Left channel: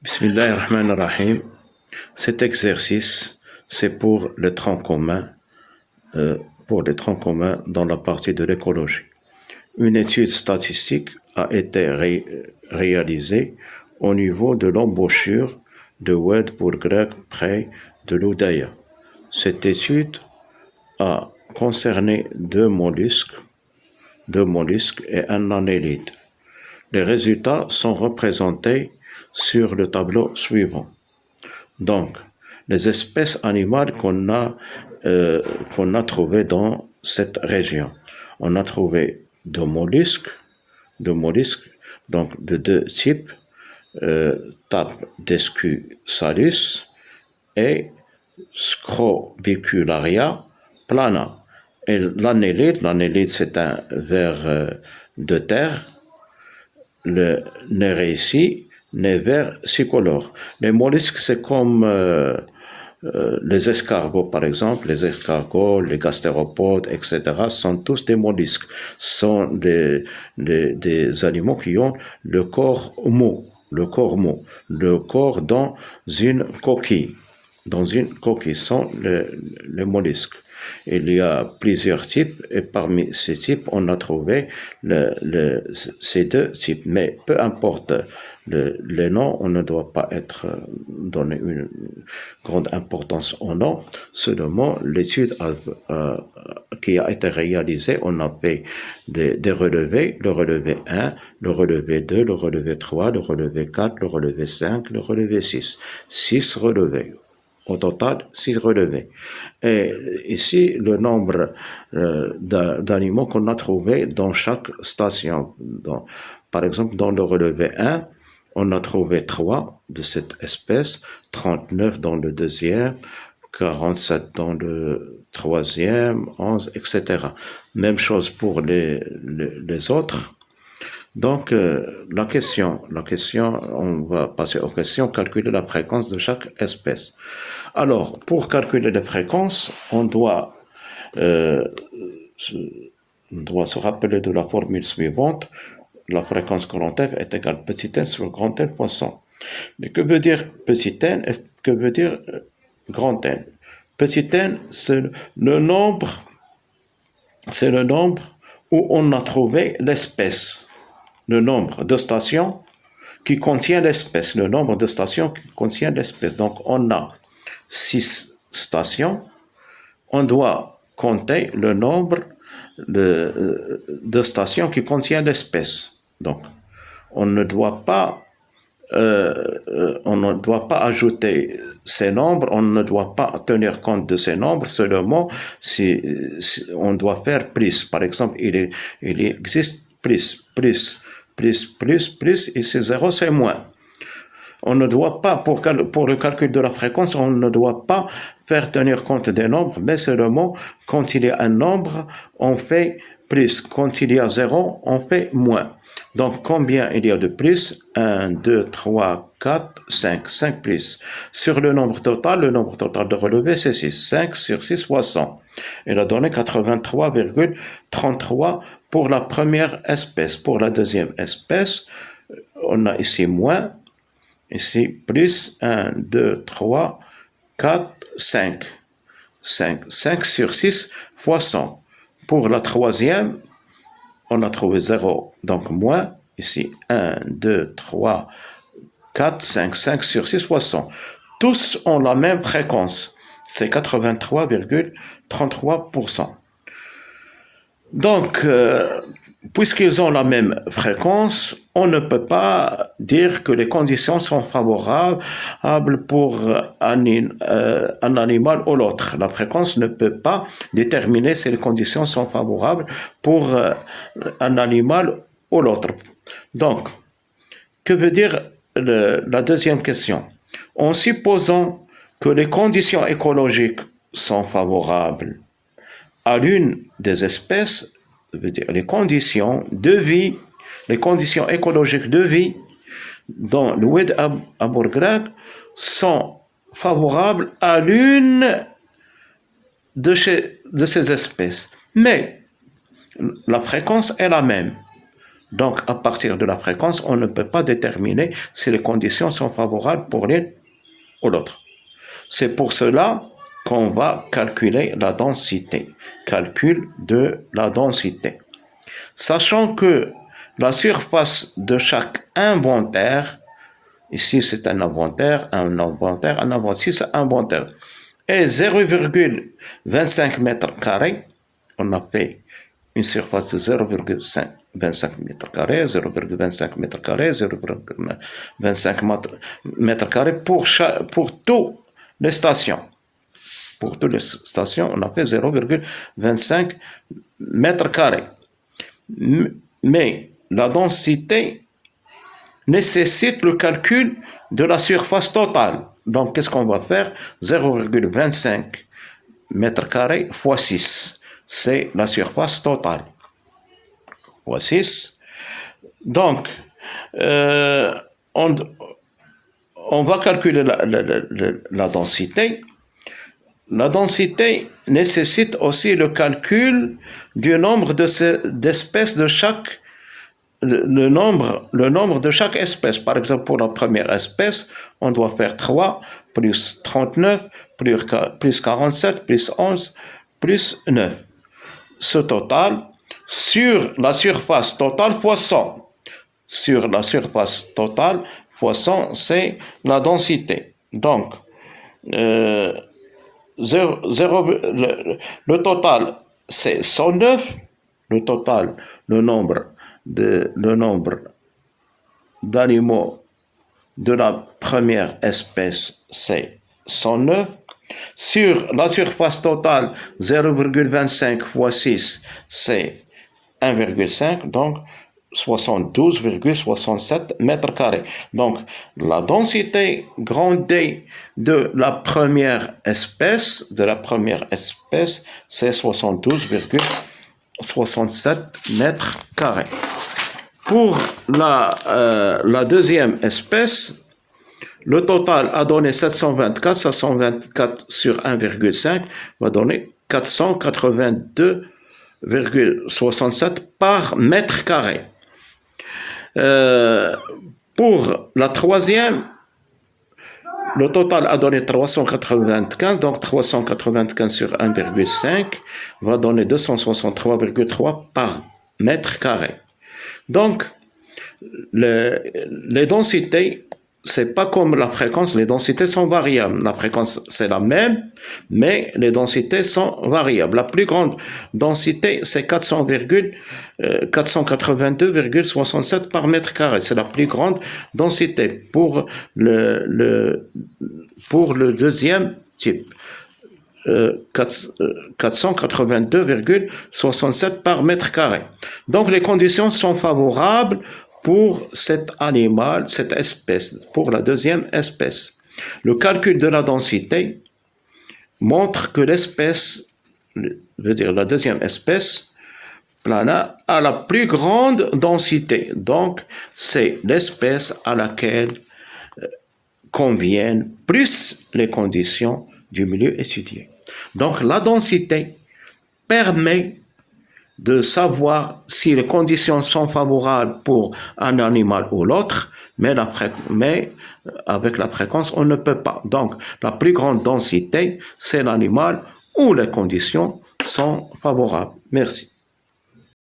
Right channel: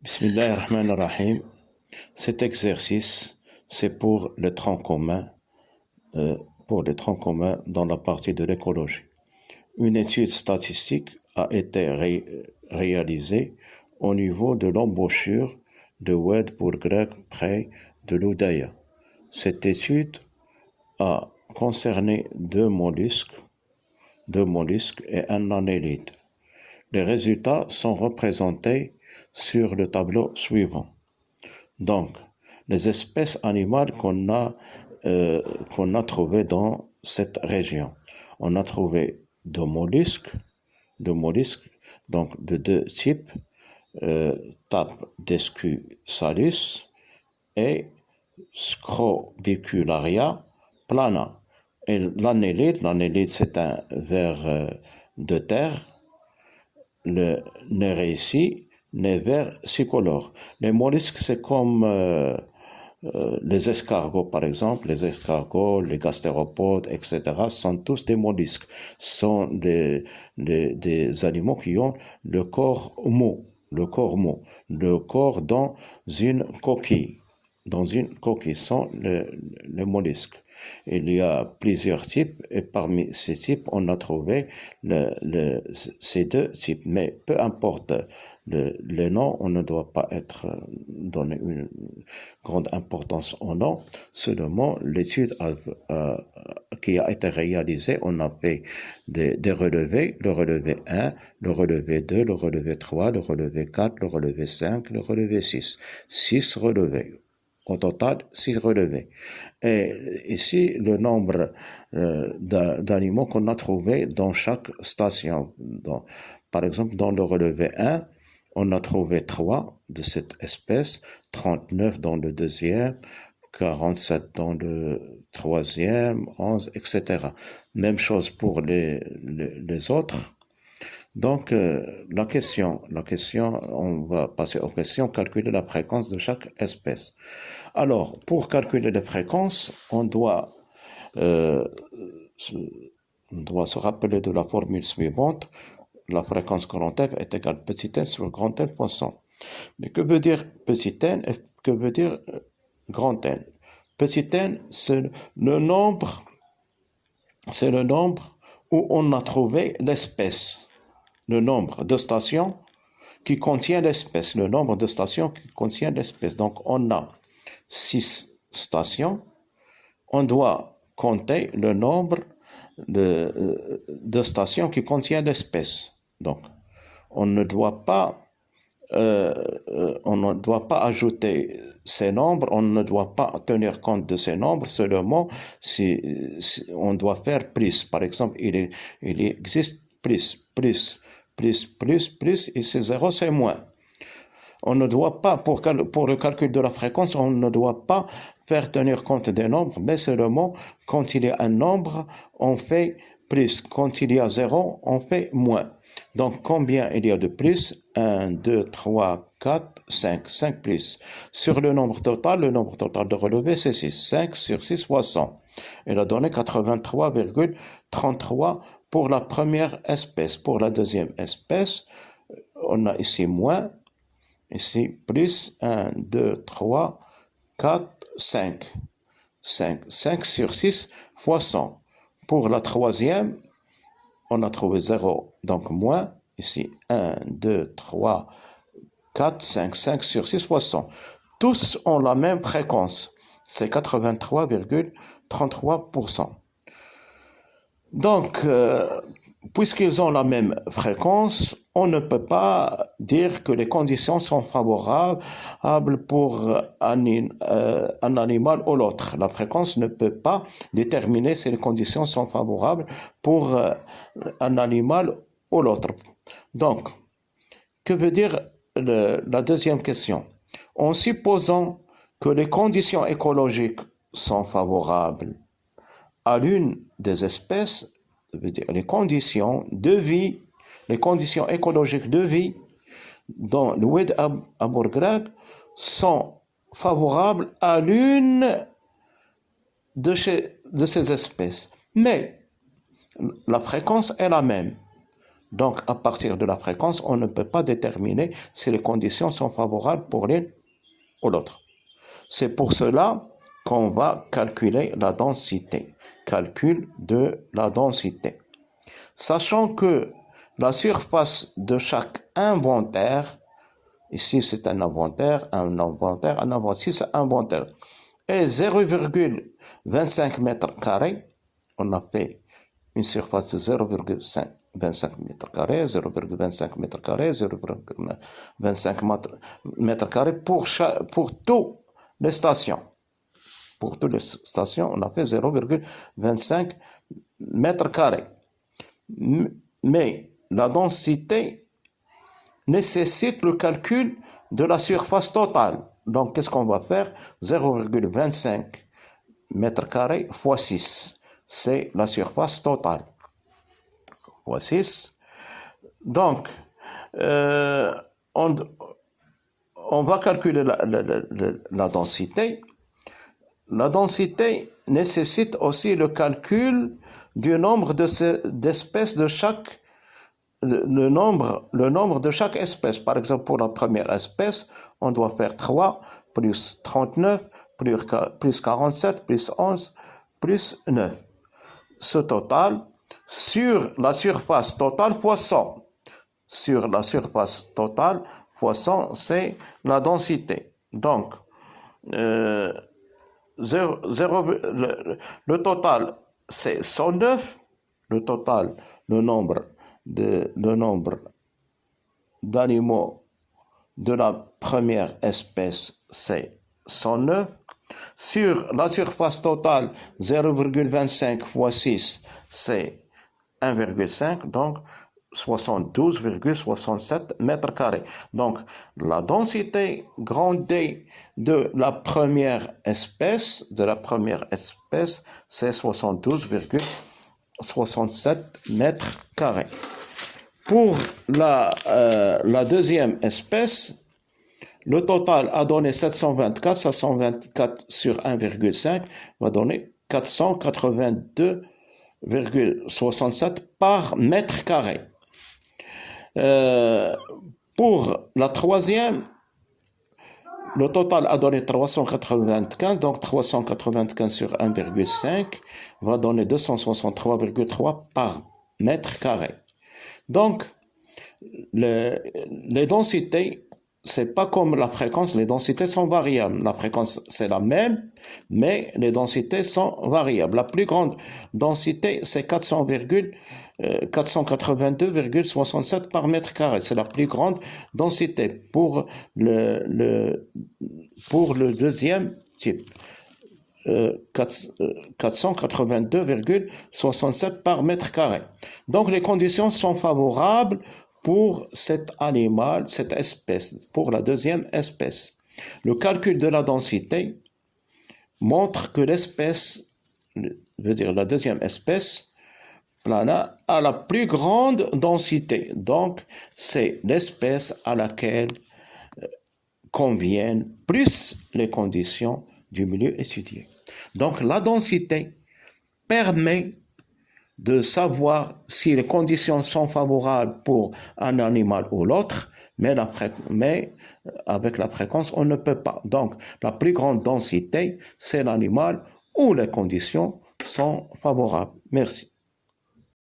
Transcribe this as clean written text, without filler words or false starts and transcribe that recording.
Bismillahirrahmanirrahim. Cet exercice, c'est pour les troncs communs, dans la partie de l'écologie. Une étude statistique a été réalisée au niveau de l'embouchure de Oued Bourgreg près de l'Oudaya. Cette étude a concerné deux mollusques et un annélide. Les résultats sont représentés sur le tableau suivant. Donc, les espèces animales qu'on a trouvées dans cette région. On a trouvé deux mollusques, donc de deux types, Tapdescusalus et Scrobicularia plana. Et l'annélide, c'est un ver de terre. Le Nérétie, les vers tricolores. Les mollusques, c'est comme les escargots, par exemple. Les escargots, les gastéropodes, etc. sont tous des mollusques. Ce sont des animaux qui ont le corps mou, le corps dans une coquille. Dans une coquille sont les mollusques. Il y a plusieurs types et parmi ces types, on a trouvé ces deux types. Mais peu importe les noms, on ne doit pas donner une grande importance aux noms. Seulement, l'étude qui a été réalisée, on a fait des relevés, le relevé 1, le relevé 2, le relevé 3, le relevé 4, le relevé 5, le relevé 6. 6 relevés. Au total, 6 relevés. Et ici, le nombre d'animaux qu'on a trouvé dans chaque station. Par exemple, dans le relevé 1, on a trouvé 3 de cette espèce, 39 dans le deuxième, 47 dans le troisième, 11, etc. Même chose pour les autres. Donc, la question, on va passer aux questions, calculer la fréquence de chaque espèce. Alors, pour calculer les fréquences, on doit se rappeler de la formule suivante. La fréquence grand F est égale petit n sur grand N fois 100. Mais que veut dire petit n et que veut dire grand N? Petit n, c'est le nombre où on a trouvé l'espèce. Le nombre de stations qui contient l'espèce. Le nombre de stations qui contient l'espèce. Donc, on a 6 stations. On doit compter le nombre de stations qui contient l'espèce. Donc, on ne doit pas ajouter ces nombres, on ne doit pas tenir compte de ces nombres, seulement si on doit faire plus. Par exemple, il existe plus, et c'est 0, c'est moins. On ne doit pas, pour le calcul de la fréquence, on ne doit pas faire tenir compte des nombres, mais seulement quand il y a un nombre, on fait plus. Quand il y a 0, on fait moins. Donc, combien il y a de plus? 1, 2, 3, 4, 5. 5 plus. Sur le nombre total de relevé, c'est 6. 5 sur 6 fois 100. Il a donné 83,33 pour la première espèce. Pour la deuxième espèce, on a ici moins. Ici, plus 1, 2, 3, 4, 5. 5 sur 6 fois 100. Pour la troisième, on a trouvé 0, donc moins. Ici, 1, 2, 3, 4, 5. 5 sur 6 fois 100. Tous ont la même fréquence. C'est 83,33%. Donc, puisqu'ils ont la même fréquence, on ne peut pas dire que les conditions sont favorables pour un animal ou l'autre. La fréquence ne peut pas déterminer si les conditions sont favorables pour un animal ou l'autre. Donc, que veut dire la deuxième question? En supposant que les conditions écologiques sont favorables à l'une des espèces, veut dire les conditions de vie, les conditions écologiques de vie dans l'Oued Bourgreg sont favorables à l'une de ces espèces. Mais la fréquence est la même. Donc, à partir de la fréquence, on ne peut pas déterminer si les conditions sont favorables pour l'une ou l'autre. C'est pour cela qu'on va calculer la densité. Calcul de la densité. Sachant que la surface de chaque inventaire, ici c'est un inventaire, ici c'est un inventaire, est 0,25 mètres carrés. On a fait une surface de 0,25 mètres carrés, 0,25 mètres carrés, 0,25 mètres carrés pour toutes les stations. Pour toutes les stations, on a fait 0,25 mètres carrés. Mais la densité nécessite le calcul de la surface totale. Donc, qu'est-ce qu'on va faire? 0,25 mètres carrés fois 6. C'est la surface totale. Fois 6. Donc, on va calculer la densité. La densité nécessite aussi le calcul du nombre d'espèces de chaque le nombre de chaque espèce. Par exemple, pour la première espèce, on doit faire 3 plus 39 plus 47 plus 11 plus 9. Ce total sur la surface totale fois 100. Sur la surface totale fois 100, c'est la densité. Donc, le total, c'est 109. Le total, le nombre d'animaux de la première espèce, c'est 109. Sur la surface totale, 0,25 fois 6, c'est 1,5, donc 72,67 mètres carrés. Donc, la densité grande D de la première espèce, c'est 72,67 mètres carrés. Pour la deuxième espèce, le total a donné 724. 724 sur 1,5 va donner 482,67 par mètre carré. Pour la troisième, le total a donné 395, donc 395 sur 1,5 va donner 263,3 par mètre carré. Donc, les densités, c'est pas comme la fréquence, les densités sont variables. La fréquence, c'est la même, mais les densités sont variables. La plus grande densité, c'est 482,67 par mètre carré. C'est la plus grande densité pour le deuxième type. 482,67 par mètre carré. Donc, les conditions sont favorables pour cet animal, cette espèce, pour la deuxième espèce. Le calcul de la densité montre que l'espèce, veut dire la deuxième espèce, Plana, a la plus grande densité. Donc, c'est l'espèce à laquelle conviennent plus les conditions du milieu étudié. Donc, la densité permet de savoir si les conditions sont favorables pour un animal ou l'autre, mais avec la fréquence, on ne peut pas. Donc, la plus grande densité, c'est l'animal où les conditions sont favorables. Merci.